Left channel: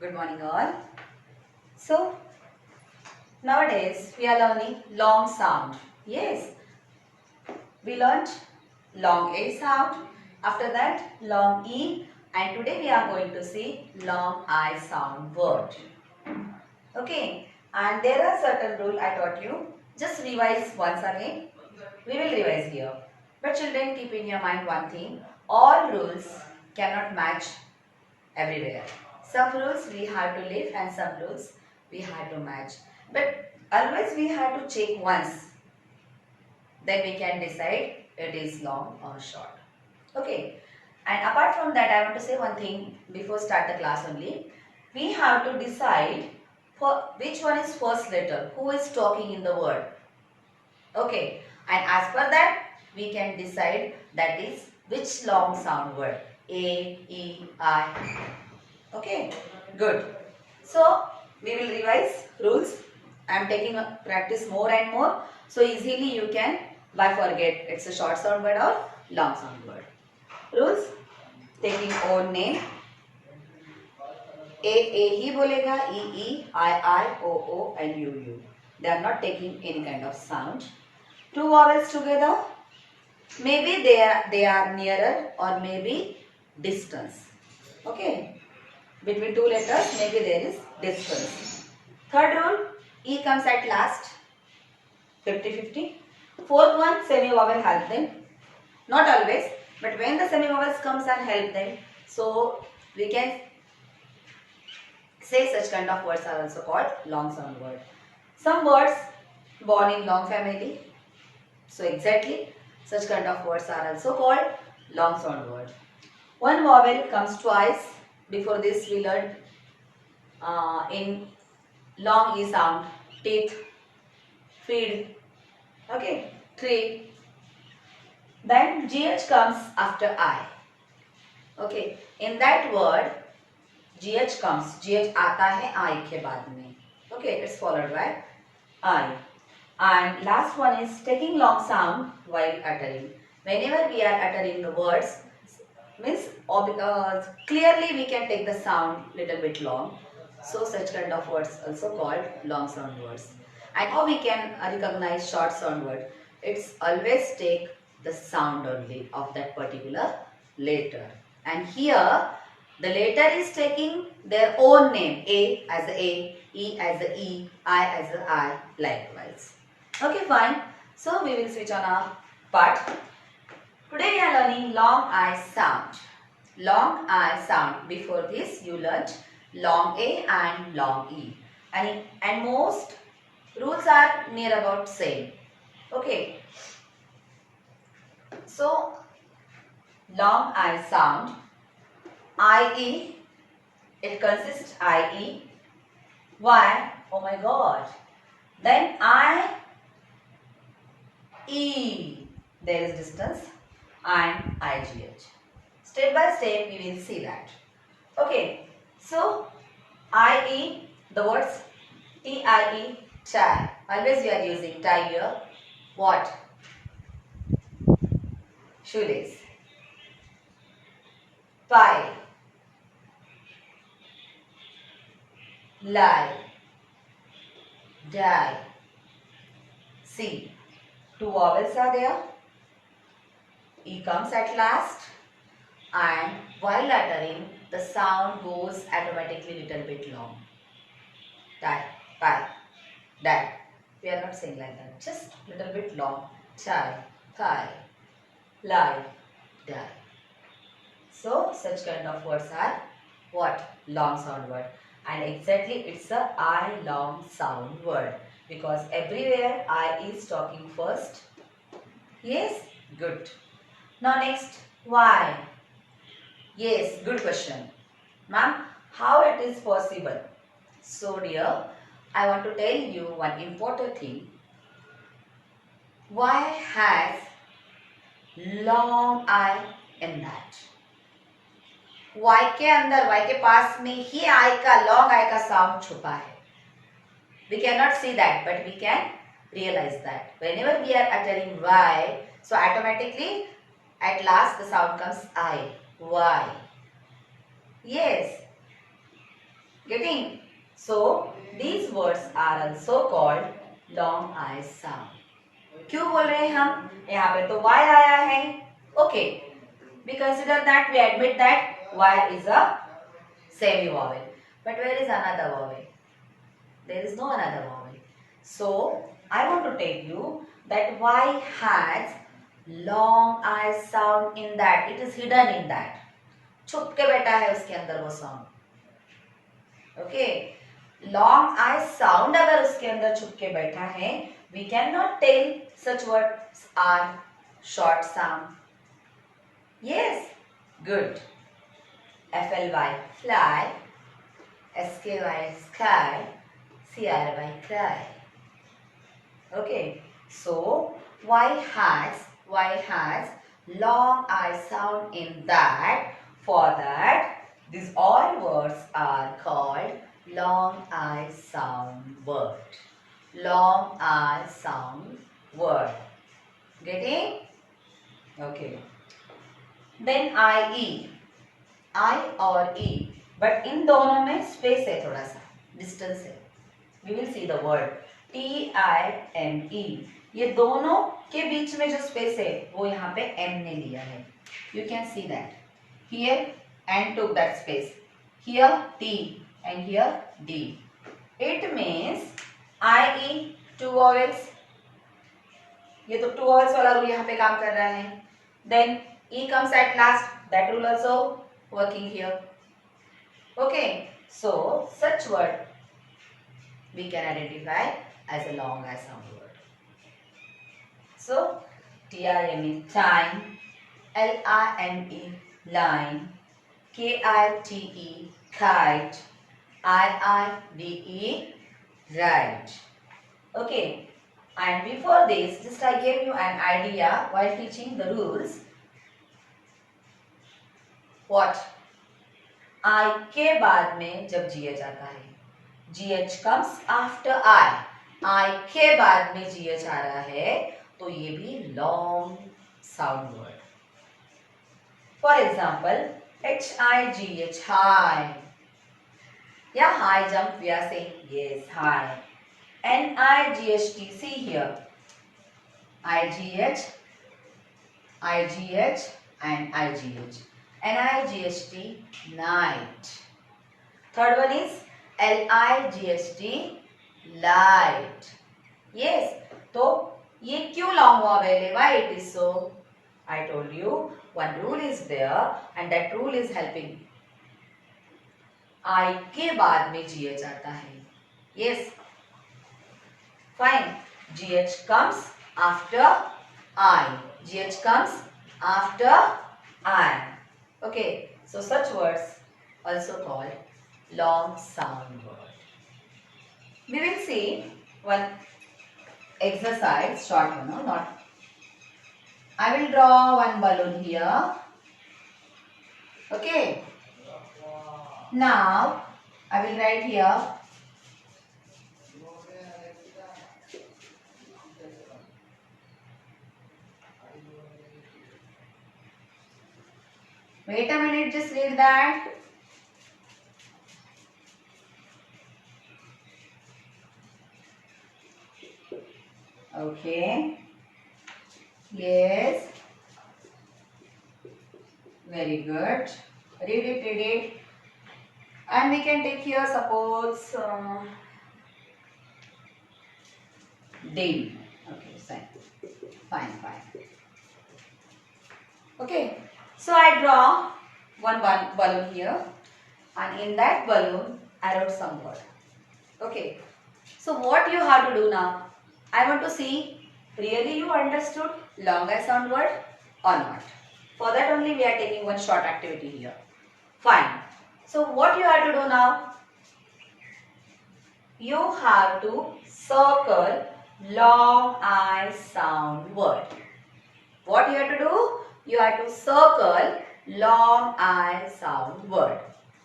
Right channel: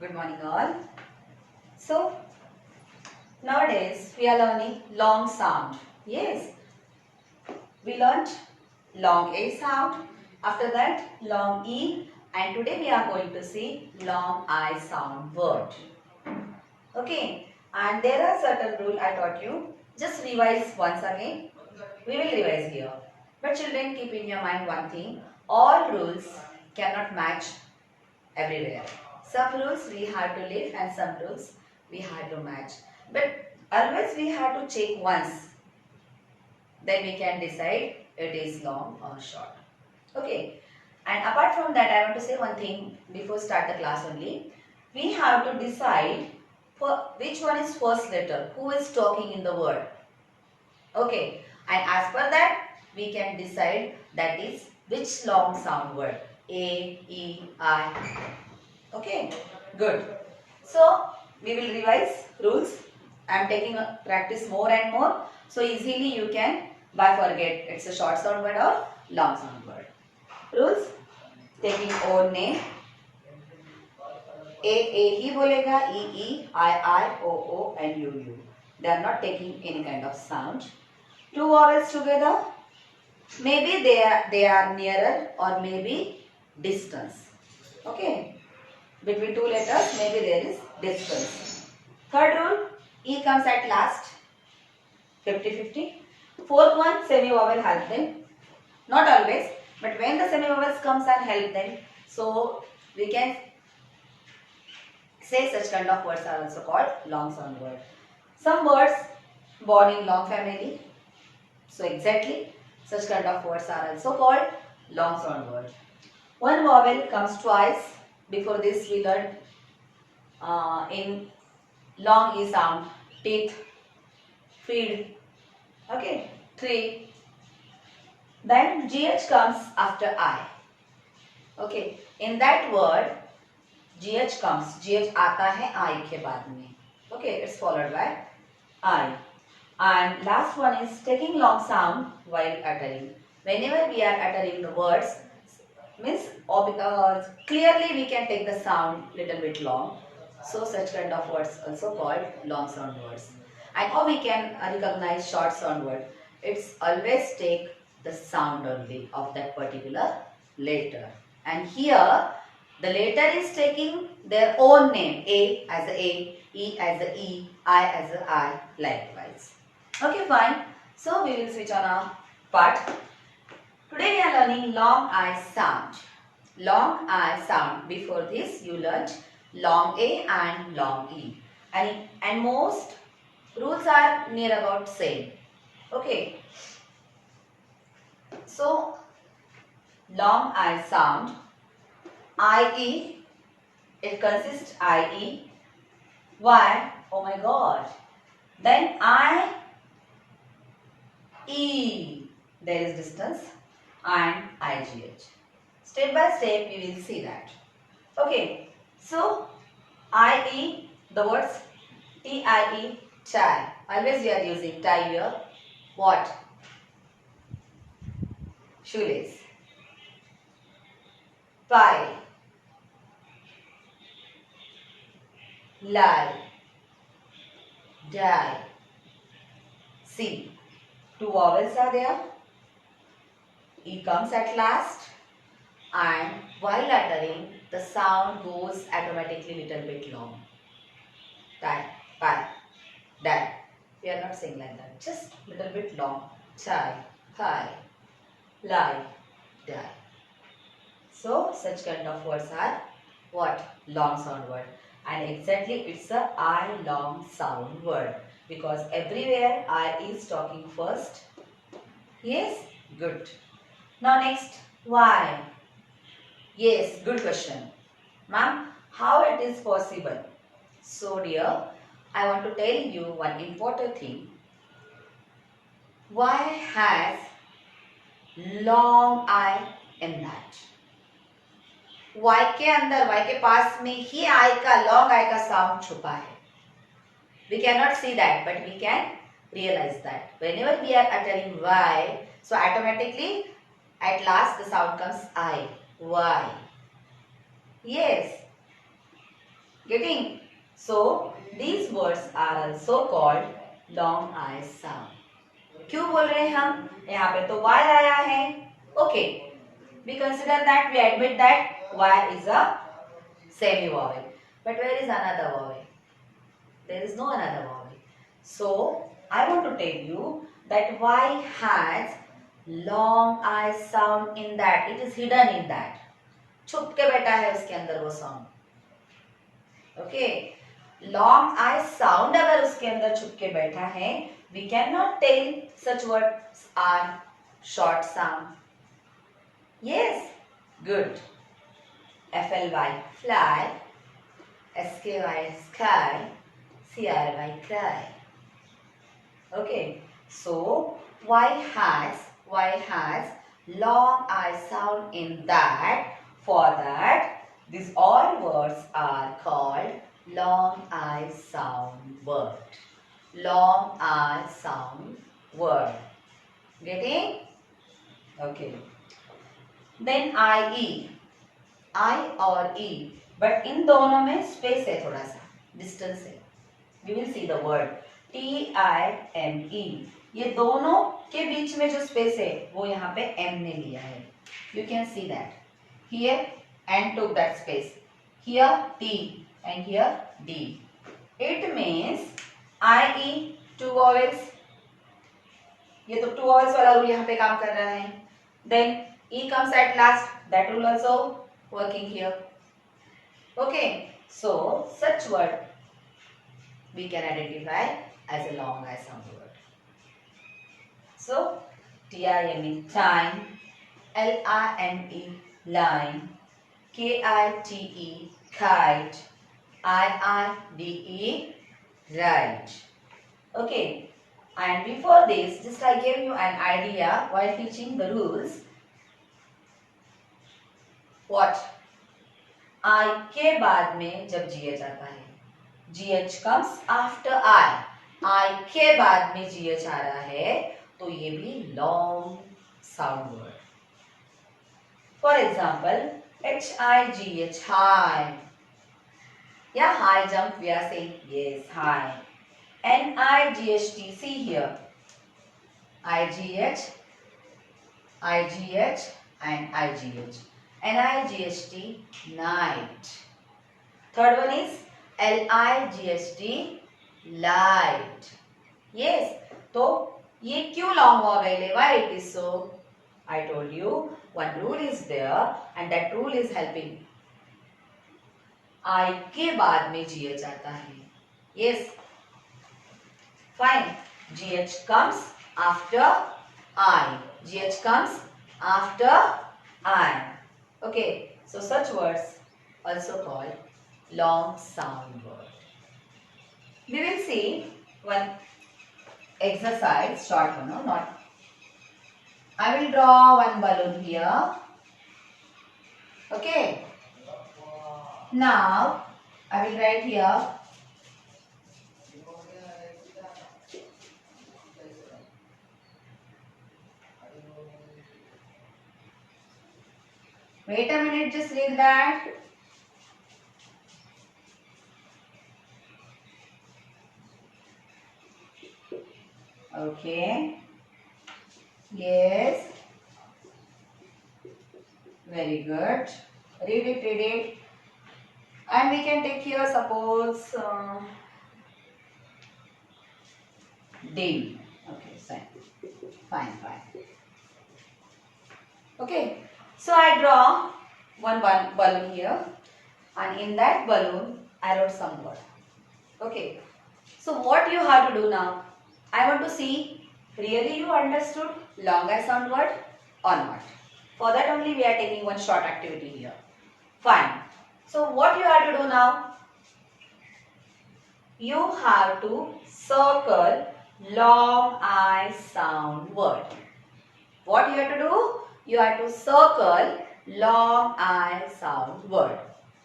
Good morning all. So nowadays we are learning long sound. Yes, we learnt long A sound. After that long E, and today we are going to see long I sound word. Okay, and there are certain rules I taught you. Just revise once again. We will revise here. But children, keep in your mind one thing. All rules cannot match everywhere. Some rules we have to leave and some rules we have to match. But always we have to check once. Then we can decide it is long or short. Okay. And apart from that, I want to say one thing before start the class only. We have to decide for which one is first letter, who is talking in the word. Okay. And as per that, we can decide that is which long sound word. A, E, I. Okay, good. So, we will revise rules. I am taking a practice more and more. So, easily you can by forget it's a short sound word or long sound word. Rules, taking own name. A ही बोलेगा, E, I, O, and U. They are not taking any kind of sound. Two vowels together. Maybe they are nearer or maybe distance. Okay. Between two letters, maybe there is distance. Third rule, E comes at last, 50-50. Fourth one, semi-vowel help them. Not always, but when the semi-vowels comes and help them, so we can say such kind of words are also called long sound word. Some words born in long family, so exactly such kind of words are also called long sound word. One vowel comes twice. Before this we learned in long E sound, teeth, feed, okay, tree. Then GH comes after I. Okay, in that word GH comes, GH आता है I के बाद में. Okay, it's followed by I. And last one is taking long sound while uttering. Whenever we are uttering the words, means clearly we can take the sound little bit long. So such kind of words also called long sound words. And how we can recognize short sound word? It's always take the sound only of that particular letter. And here the letter is taking their own name. A as a, E as a E, I as a I, likewise. Okay, fine. So we will switch on our part. Today we are learning long I sound. Long I sound. Before this you learnt long A and long E. And most rules are near about same. Okay. So long I sound. IE. It consists IE. Why? Oh my God. Then IE. There is distance. And IGH. Step by step we will see that. Okay, so IE, the words TIE, tie. Always we are using tie here. What? Shoelace. Pie. Lie. Die. See. Two vowels are there. E comes at last, and while uttering the sound goes automatically little bit long. Die, pie, die. We are not saying like that. Just little bit long. Tie, pie, lie, die. So such kind of words are what? Long sound word. And exactly it's a I long sound word. Because everywhere I is talking first. Yes? Good. Now next, why? Yes, good question. Ma'am, how it is possible? So dear, I want to tell you one important thing. Why has long I in that? Y के अंदर, Y के पास में ही I का long I का sound छुपा है. We cannot see that, but we can realize that. Whenever we are uttering Y, so automatically at last the sound comes I. Y. Yes. Getting? So these words are also called long I sound. क्यों बोल रहे हैं हम? यहाँ पे तो y आया है. Okay. We consider that, we admit that y is a semi vowel. But where is another vowel? There is no another vowel. So I want to tell you that y has long I sound in that. It is hidden in that. छुप के बैठा है उसके अंदर वो sound. Okay, long I sound अगर उसके अंदर छुप के बैठा है, we can not tell such words are short sound. Yes, good. FLY fly, SKY sky, CRY cry. Okay, so y has long I sound in that. For that, these all words are called long I sound word. Long I sound word. Getting? Okay. Then IE. I और E. But इन दोनों में space है, थोड़ा सा distance है. We will see the word TIME. ये दोनों के बीच में जो स्पेस है वो यहाँ पे M ने लिया है. You can see that. Here N took that space. Here T and here D. It means IE two vowels. ये तो two vowels वाला रूल यहाँ पे काम कर रहा है. Then E comes at last. That rule also working here. Okay, so such word we can identify as a long I sound word. So TIME time, LINE line, KITE kite, IIDE right. Okay, and before this, just I gave you an idea while teaching the rules. What? I के बाद में जब GH आता है, GH comes after I के बाद में GH आ रहा है, तो ये भी long sound word. For example, HIGH high. Yeah, high jump we are saying. Yes, high. NIGHT, see here. IGH and IGH. NIGHT night. Third one is LIGHT light. Yes. तो ये क्यों long vowel है? Why it is so? I told you one rule is there and that rule is helping. I के बाद में GH आता है. Yes. Fine. GH comes after I. GH comes after I. Okay, so such words also called long sound word. We will see one exercise, short one, no, not. I will draw one balloon here. Okay. Now I will write here. Wait a minute, just read that. Okay. Yes. Very good. Read it. And we can take here, suppose, D. Okay, fine. Okay. So I draw one balloon here, and in that balloon I wrote some word. Okay. So what you have to do now? I want to see really you understood long I sound word or not. For that only we are taking one short activity here. Fine. So what you have to do now? You have to circle long I sound word. What you have to do? You have to circle long I sound word.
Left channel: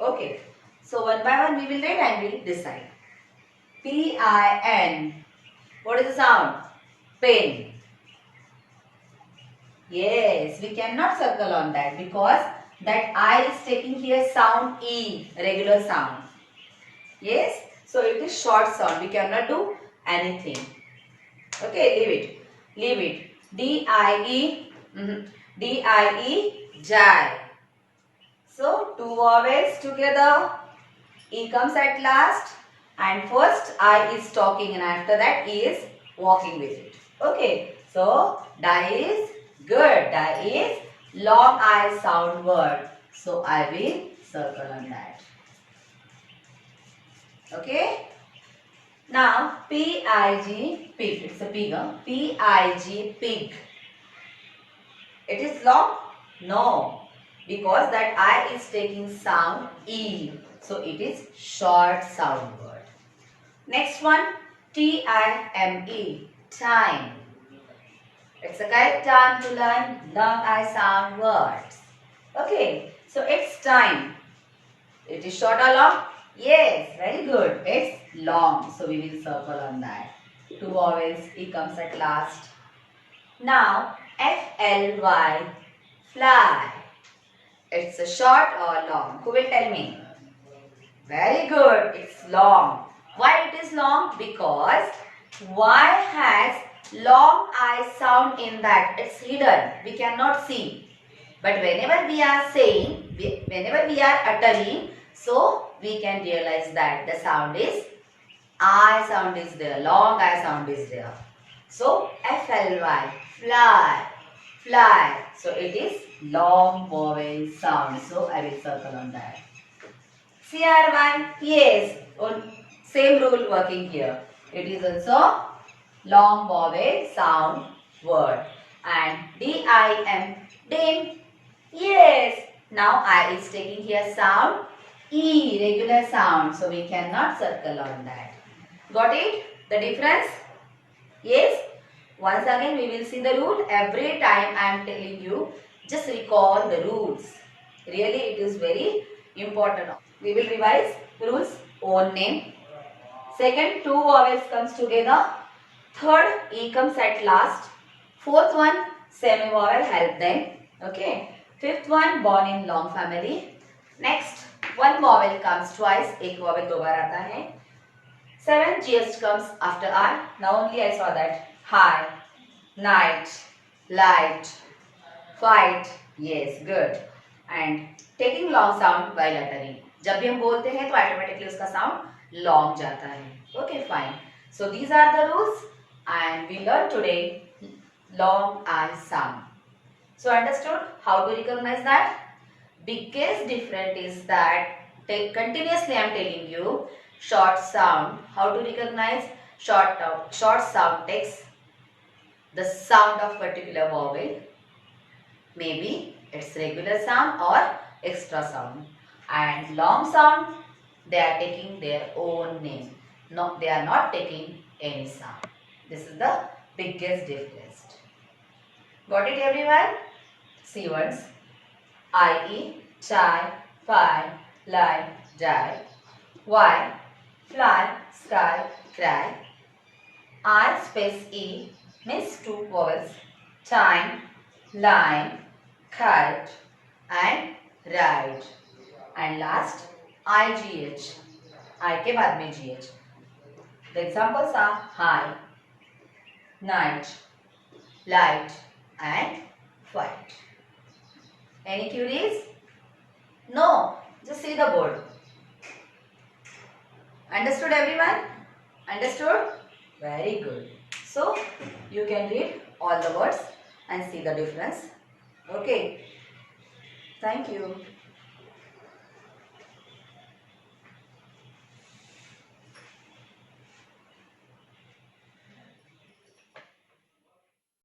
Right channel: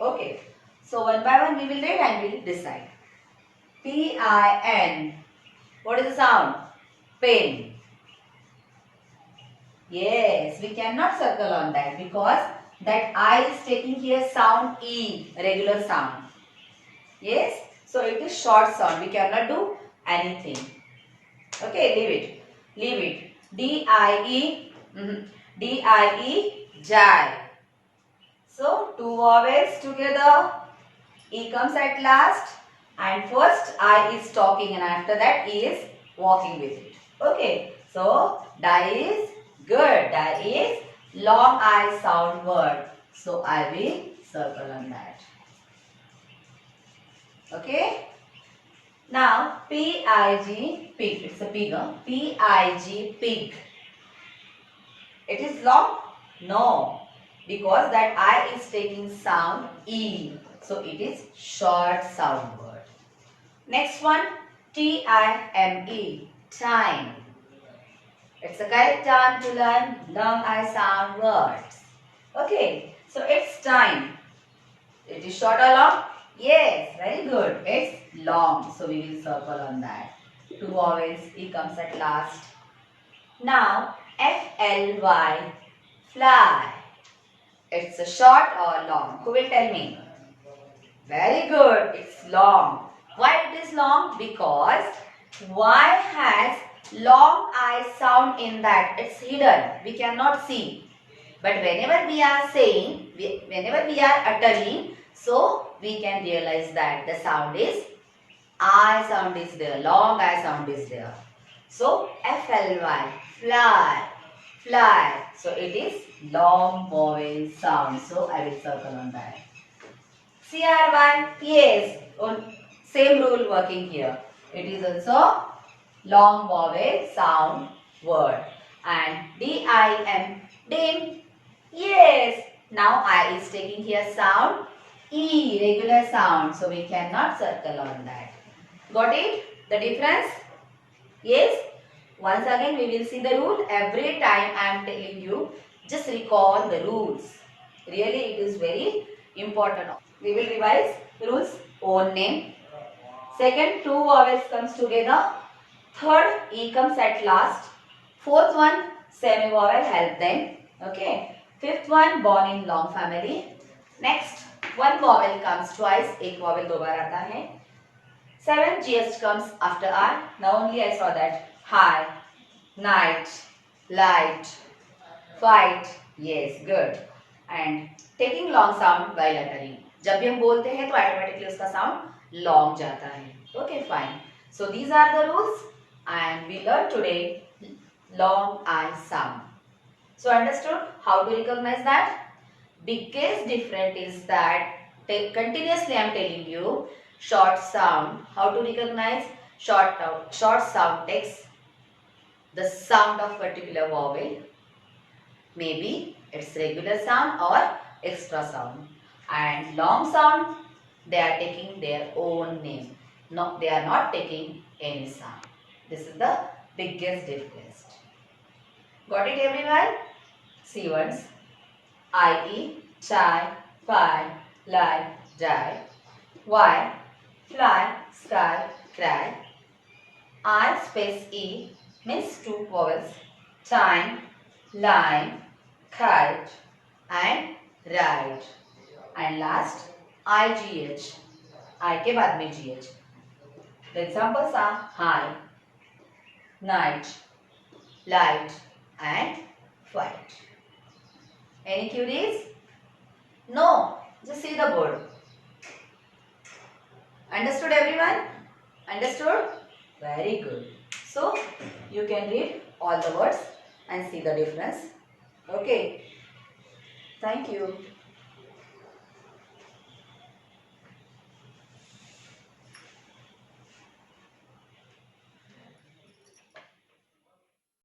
Okay. So one by one we will read and we will decide. PIN. What is the sound? Pin. Yes, we cannot circle on that because that I is taking here sound E, regular sound. Yes. So it is short sound. We cannot do anything. Okay, leave it. Leave it. D-I-E. D-I-E. Jai. So two vowels together. E comes at last. And first I is talking and after that E is walking with it. Okay. So die is good. Die is long I sound word. So I will circle on that. Okay. Now P-I-G, pig. It's a pig. Huh? P-I-G, pig. It is long? No. Because that I is taking sound E. So it is short sound word. Next one, T-I-M-E, time. It's the correct time to learn long I sound words. Okay, so it's time. It is short or long? Yes, very good. It's long. So we will circle on that. Two vowels, E comes at last. Now, F-L-Y, fly. It's a short or long? Who will tell me? Very good. It's long. Why it is long? Because Y has long I sound in that. It's hidden. We cannot see. But whenever we are saying, whenever we are uttering, so we can realize that the sound is I sound is there. Long I sound is there. So F-L-Y, fly, fly. So it is long vowel sound. So I will circle on that. C-R-Y, yes. Same rule working here. It is also long vowel sound word. And D-I-M, dim. Yes. Now I is taking here sound E, regular sound. So we cannot circle on that. Got it? The difference? Yes. Once again we will see the rule. Every time I am telling you, just recall the rules. Really it is very important. We will revise rules. Own name. Second, two vowels comes together. Third, E comes at last. Fourth one, semi-vowel, help them. Okay. Fifth one, born in long family. Next, one vowel comes twice. एक vowel दो बार आता है. Seven, GH comes after R. Now only I saw that. High, night, light, fight. Yes, good. And taking long sound while uttering. जब भी हम बोलते हैं तो automatically उसका sound long जाता है. Okay, fine. So these are the rules and we learned today long I sound. So understood how to recognize that? Biggest difference is that continuously I am telling you short sound. How to recognize short sound takes the sound of particular vowel. Maybe it's regular sound or extra sound. And long sound, they are taking their own name. No, they are not taking any sound. This is the biggest difference. Got it everyone? See once. I-E, chai, fly, lie, die. Y, fly, sky, cry. I space E means two vowels. Time, line, kite and ride. And last IGH. I के बाद में GH. The examples are high, night, light and fight. Any queries? No. Just see the board. Understood everyone? Understood? Very good. So, you can read all the words and see the difference. Okay. Thank you.